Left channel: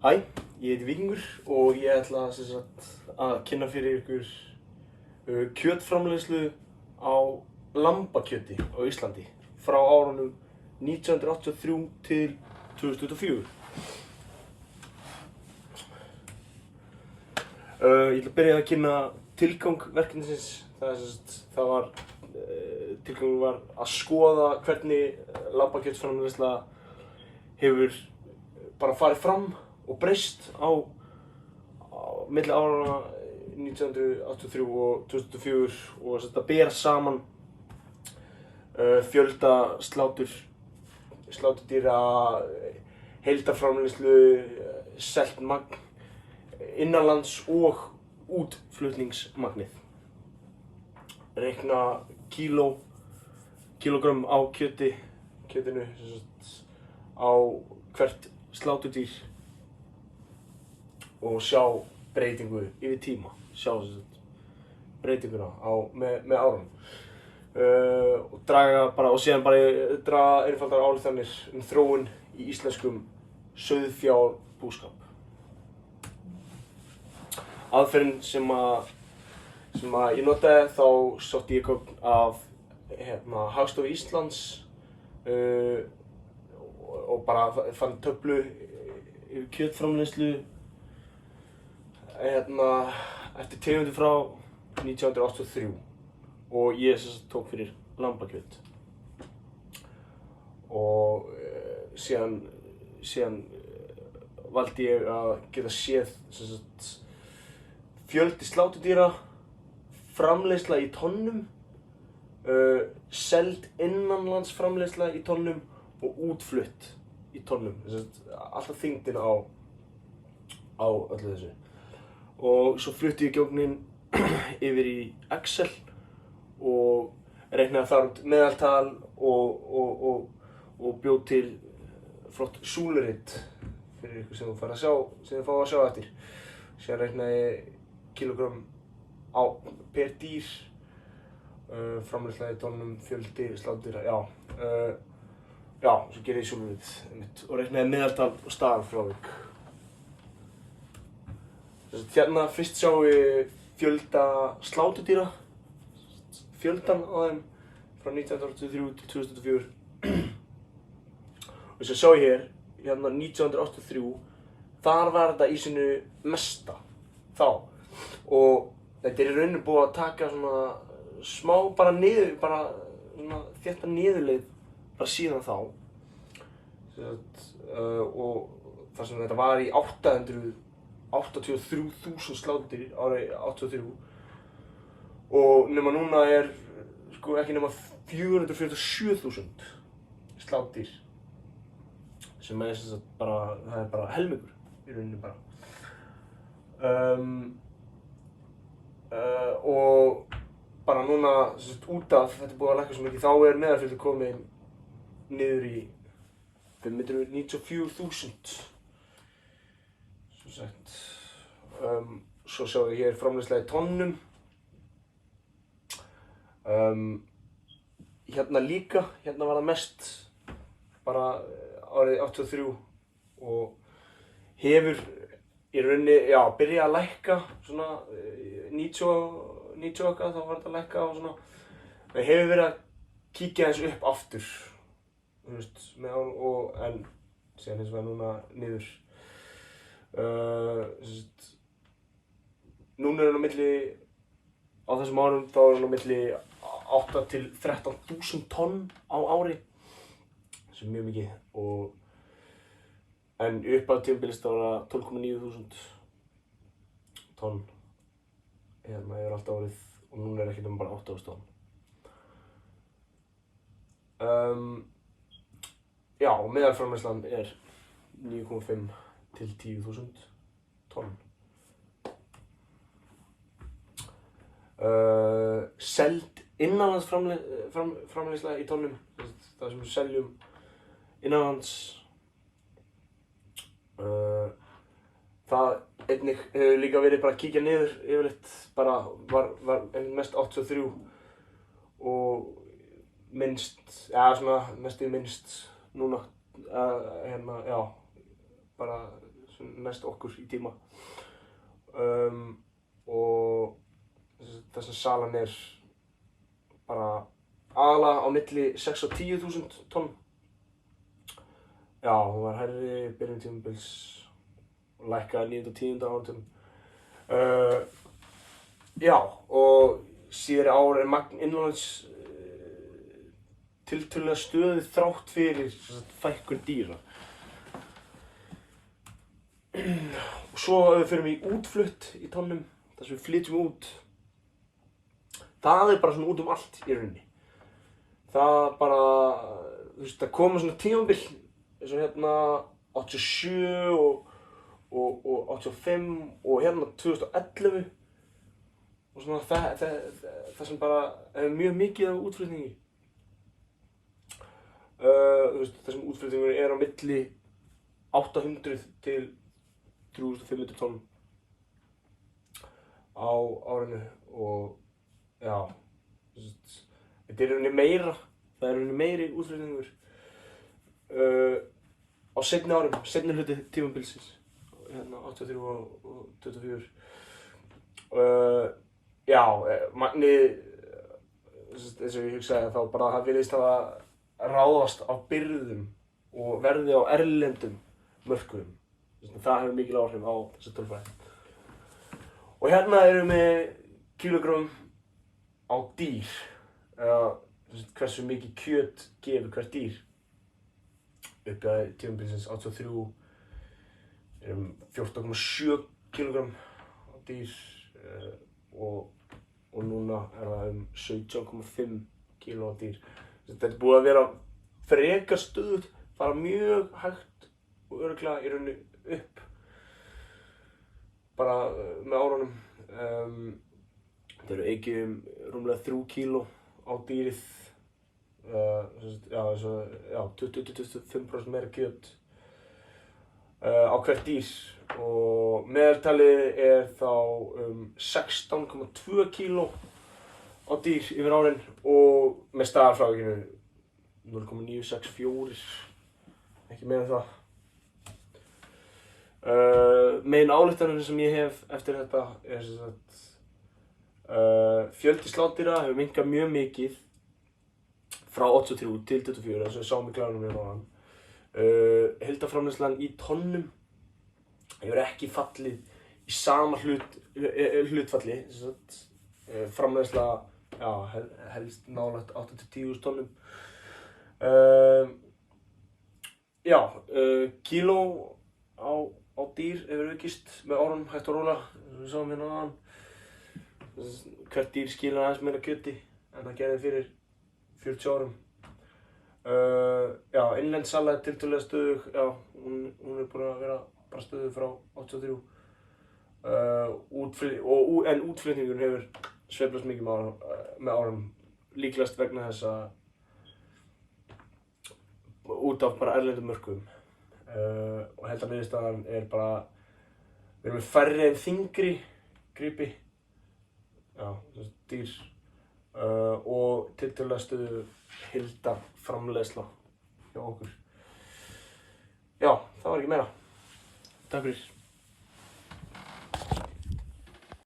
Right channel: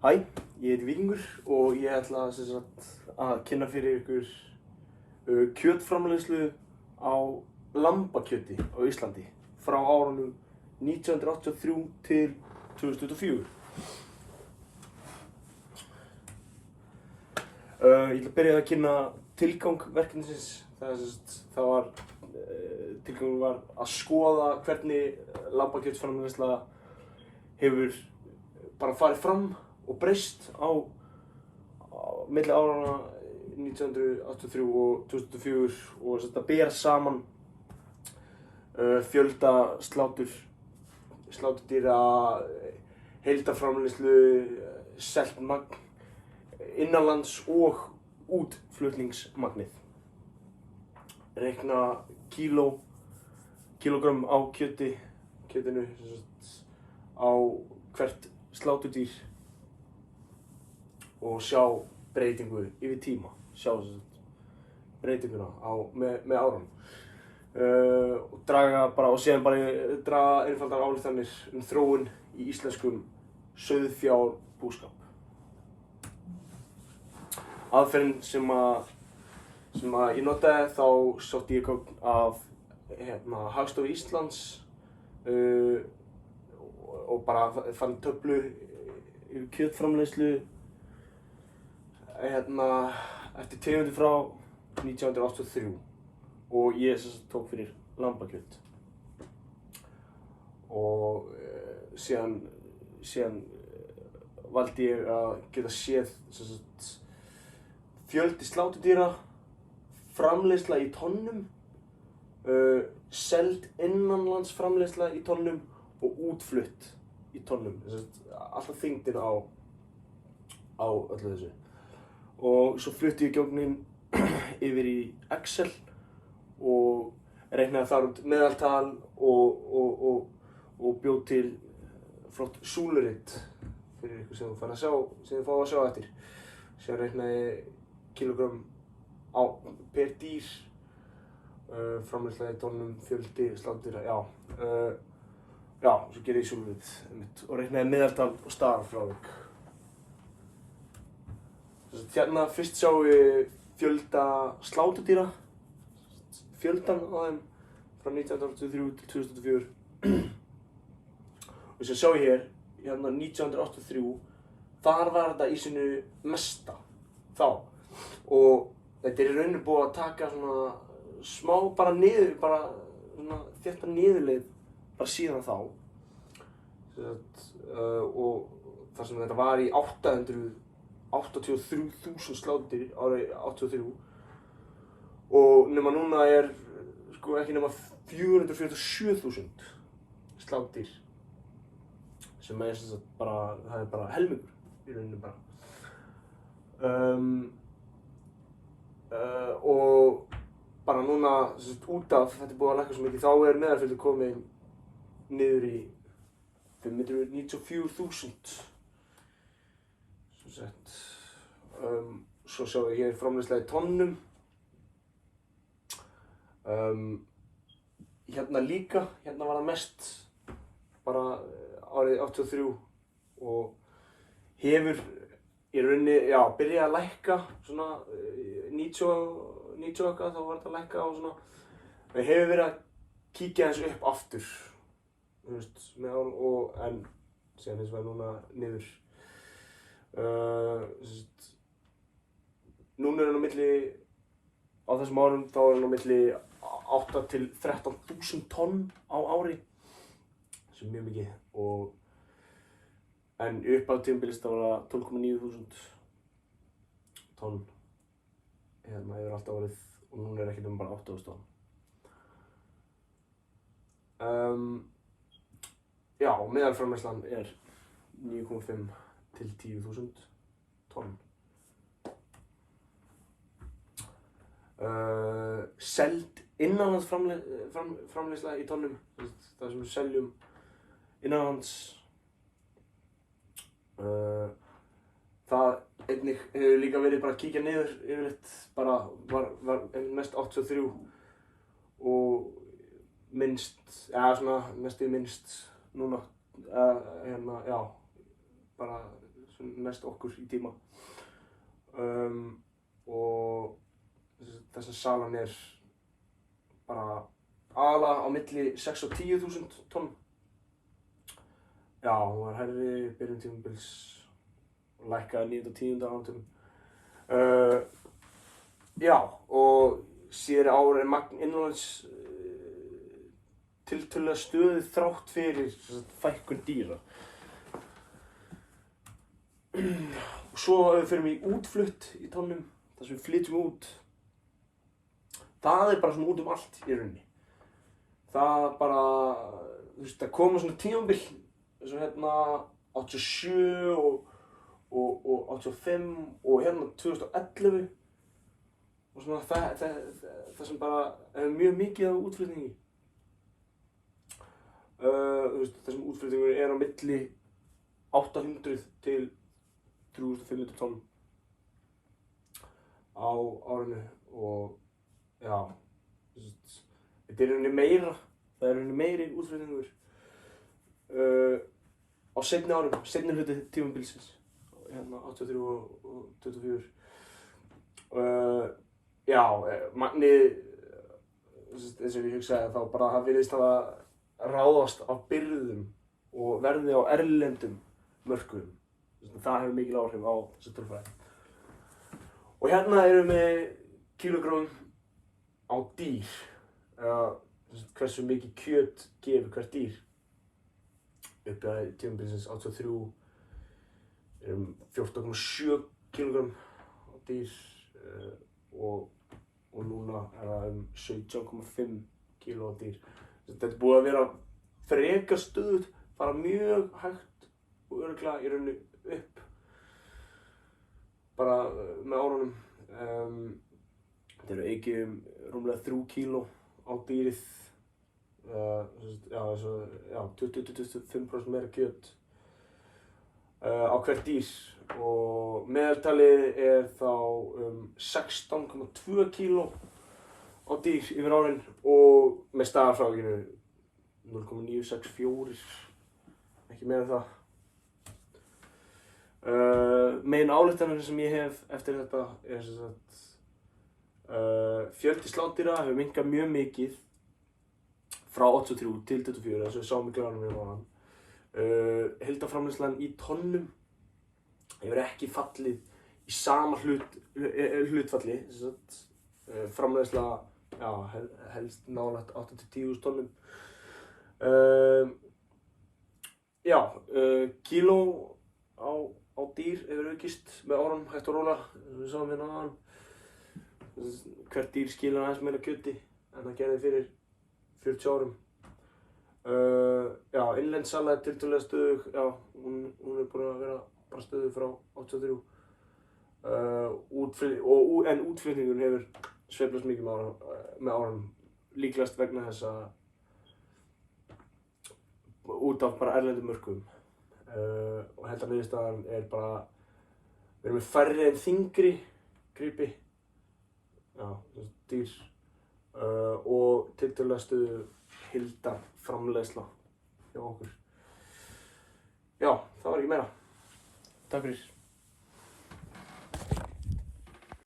Hæ, ég heiti Víkingur og ég ætla að kynna fyrir ykkur kjötframleiðslu á lambakjöti á Íslandi frá árunum 1983 til 2024. Ég ætla að byrja að kynna tilgang verkefnisins. Tilgangur var að skoða hvernig lambakjötsframleiðsla hefur bara farið fram og breyst á milli áranna 1983 og 2004 og að bera saman fjölda sláturdýra, heildarframleiðslu, selt magn innanlands og útflutningsmagnið. Reikna kílógrömm á kjötinu á hvert sláturdýr og sjá breytingu yfir tíma, breytinguna með árunum. Og síðan draga einfaldar ályktanir þróun í íslenskum sauðfjárbúskap. Aðferðin sem ég notaði, þá sótti ég gögn af Hagstofu Íslands og bara fann töflu yfir kjötframleiðslu eftir tegundum frá 1983 og ég tók fyrir lambakjöt. Og síðan valdi ég að geta séð fjöldi sláturdýra, framleiðsla í tonnum, seld innanlandsframleiðsla í tonnum og útflutt í tonnum. Alltaf þyngdin á öllu þessu. Og svo flutti ég gögnin yfir í Excel og reiknaði þar út meðaltal og bjó til flott súlurit fyrir ykkur sem þið fá að sjá eftir. Síðan reiknaði ég kílógrömm per dýr, framleiðsla í tonnum, fjöldi sláturdýra, svo gerði ég súlurit og reiknaði meðaltal og staðarfrávik. Hérna fyrst sjáum við fjölda sláturdýra, fjöldan á þeim frá 1983 til 2004. Og svo sjá ég hérna 1983, þar var þetta í sínu mesta þá. Og þetta í rauninni búið að taka svona smá þétta niðurleið bara síðan þá. Og þar sem þetta var í 83.000 sláturdýr árið 83 og nema núna ekki nema 447.000 sláturdýr sem það er bara helmingur í rauninni bara. Og bara núna út af þetta búið að lækka svo mikið, þá meðalfjöldi komið niður í 594.000. Svo sjáum við hér framleiðsla í tonnum. Hérna líka, hérna var það mest bara árið 83 og hefur í rauninni, byrjað að lækka svona 90 eitthvað, þá var þetta að lækka og svona. Það hefur verið að kíkja þessu upp aftur, en síðan eins og núna niður. Núna á milli, á þessum árum, þá á milli 8 til 13.000 tonn á ári, sem er mjög mikið. En upp á tímabilið þá var það 12.900 tonn yfir allt árið og núna ekki nema bara 8.000 tonn. Og meðalframleiðslan er 9,5 til 10.000 tonn. Seld innanlandsframleiðsla í tonnum, það sem við seljum innanlands. Það einnig hefur líka verið bara að kíkja niður yfirleitt, var mest 83 og minnst núna, bara sem næst okkur í tíma. Og þessi salan bara aðalega á milli 6 og 10.000 tonn. Já, hún var hærri byrjun tímabils og lækkaði 9. og 10. áratugum. Já, og síðari ár magn innanlands tiltölulega stöðugt þrátt fyrir fækkun dýra. Og svo förum við í útflutt í tonnum, þar sem við flytjum út. Það bara svona út allt í rauninni. Það bara, það koma svona tímabil, eins og hérna 87 og 85 og hérna 2011. Og svona það sem bara mjög mikið af útflutningi. Þessum útflutningur á milli 800 til 3500 tonn á árinu og já, þetta í rauninni meira, það í rauninni meiri útflutningur á seinni árum, seinni hluti tímabilsins, hérna 83 og 24. Já, magnið, eins og ég hugsaði þá bara það virðist hafa ráðast á birgðum og verði á erlendum mörkuðum. Það hefur mikil áhrif á þessi tölfræði. Og hérna erum við með kílógrömm á dýr, hversu mikið kjöt gefur hvert dýr. Uppi að tímabilsins 83 erum 14,7 kílógrömm á dýr og núna það 17,5 kíló á dýr. Þetta búið að vera frekar stöðugt, fara mjög hægt og örugglega í rauninni upp bara með árunum. Þetta eykið rúmlega 3 kíló á dýrið, 20–25% meira kjöt á hvert dýr og meðaltalið þá 16,2 kíló á dýr yfir árin og með staðarfrávikinu 0,964, ekki meira en það. Megin ályktanir sem ég hef eftir þetta sem sagt, fjöldi slátdýra hefur minnkað mjög mikið frá 83 til 24, eins og við sáum í glæðunum hérna áðan. Heildarframleiðslan í tonnum hefur ekki fallið í sama hlutfalli, framleiðsla helst nálægt 8–10.000 tonnum. Kíló á dýr hefur aukist með árunum hægt og rólega, eins og við sáum hérna áðan. Hvert dýr skilar aðeins meira kjöti en það gerði fyrir 40 árum. Innlend sala tiltölulega stöðug, hún búin að vera bara stöðug frá 83. En útflutningurinn hefur sveiflast mikið með árum, líklegast vegna þess að út af bara erlendum mörkuðum. Og heildarniðurstaðan bara, við erum með færri en þyngri gripi, dýr, og tiltölulega stöðug heildarframleiðsla hjá okkur. Já, það var ekki meira. Takk fyrir.